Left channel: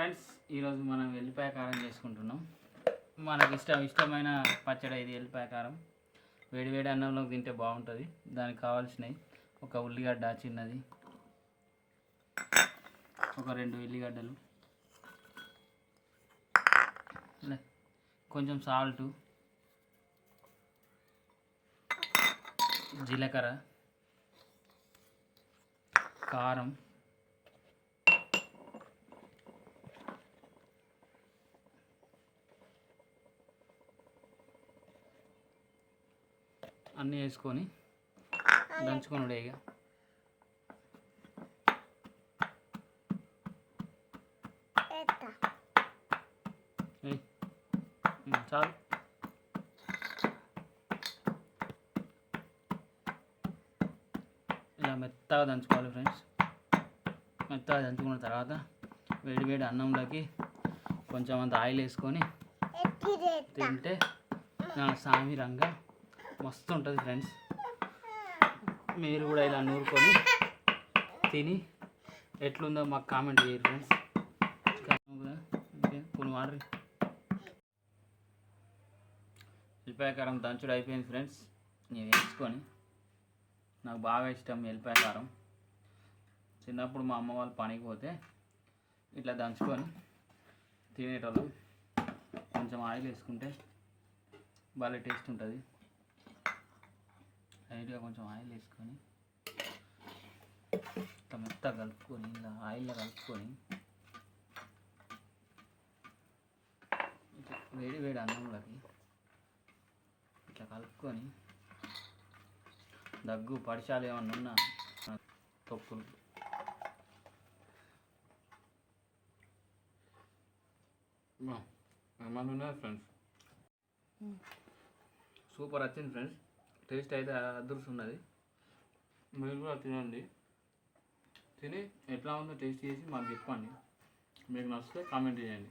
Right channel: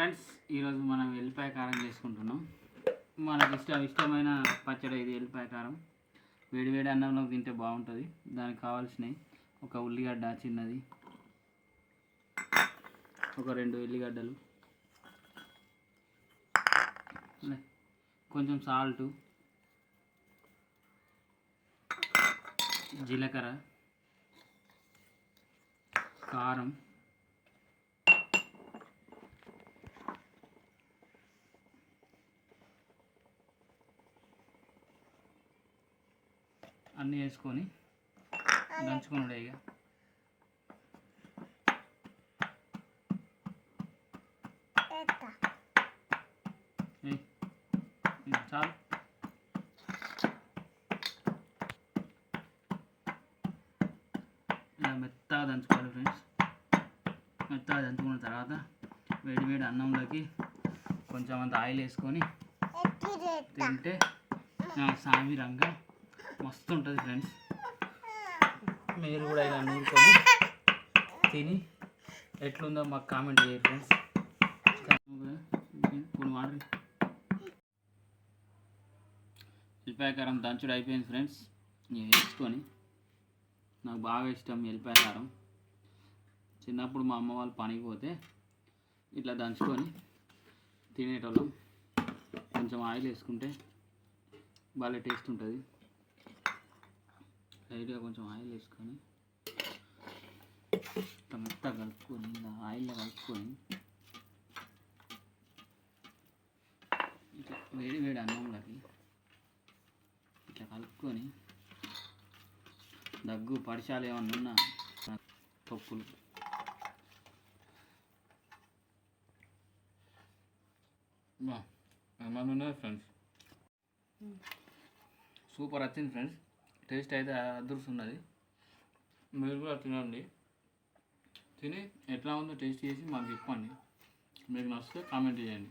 Friends, ఈరోజు మనం ఎల్లిపాయ కారం చేసుకుంటున్నాం. మనకు ఇష్టమైన పచ్చడి ఇది ఎల్లిపాయ కారం. వేడి అన్నంలో తింటే బాగుంటుంది. దానికి కావాల్సినవి ఒక ఉల్లిగడ్డ చిన్నది, ఒక 2 ఉల్లిగడ్డలు, కొంచెం సాల్టు, జీలకర్ర, కారం, అన్నీ వేసుకొని దంచుకొని ఇక చాలు. ఇలా మెత్తగా దంచుకోవాలి ఫ్రెండ్స్. మెత్తగా దంచుకున్న తర్వాత వేడి అన్నంలోకి కొంచెం అంత ఆయిల్ వేసుకొని తింటే సామిరంగా మస్తు ఉంటుంది ఫ్రెండ్స్. మీరు కూడా ఇలా నూరుకొని తిని ఎట్లుందో మాకు కామెంట్ చేయండి ఫ్రెండ్స్. కొన్ని వాటర్ ఎల్లిపాయ కారం దంచుడు అయిపోయింది ఫ్రెండ్స్. నేను వేసుకొని నాకు బాగా ఇష్టం ఎల్లిపాయ కారం. చిన్నప్పుడు మా అమ్మ వాళ్ళు పనికి పోతే ఇట్లా దంచుకొని తినేటోళ్ళం. కొంచెం ఆయిల్ వేసుకుంటే బాగా టేస్ట్ ఉంటుంది. లైట్గా కొంచెం ఆయిల్ వేసుకొని ఇట్లా మెత్తగా కలుపుకొని ఇలా ఆయిల్లో కలుపుకొని ఇట్లా వేడి అన్నంలోకి ఇట్లా కలుపుకొని దగ్గు పడిచాలు ఏమన్నా ఉన్నా తొక్కులు ఏమన్నా ఉన్నది ఫ్రెండ్స్. సూపర్ వచ్చింది ఫ్రెండ్స్. టేస్ట్ అయితే అదృష్టం. మీరు కూడా తినండి. తిని ఎట్లా ఉందో టేస్ట్ చేసి మాకు చెప్పండి. మీకు నచ్చితే కామెంట్ చేయండి.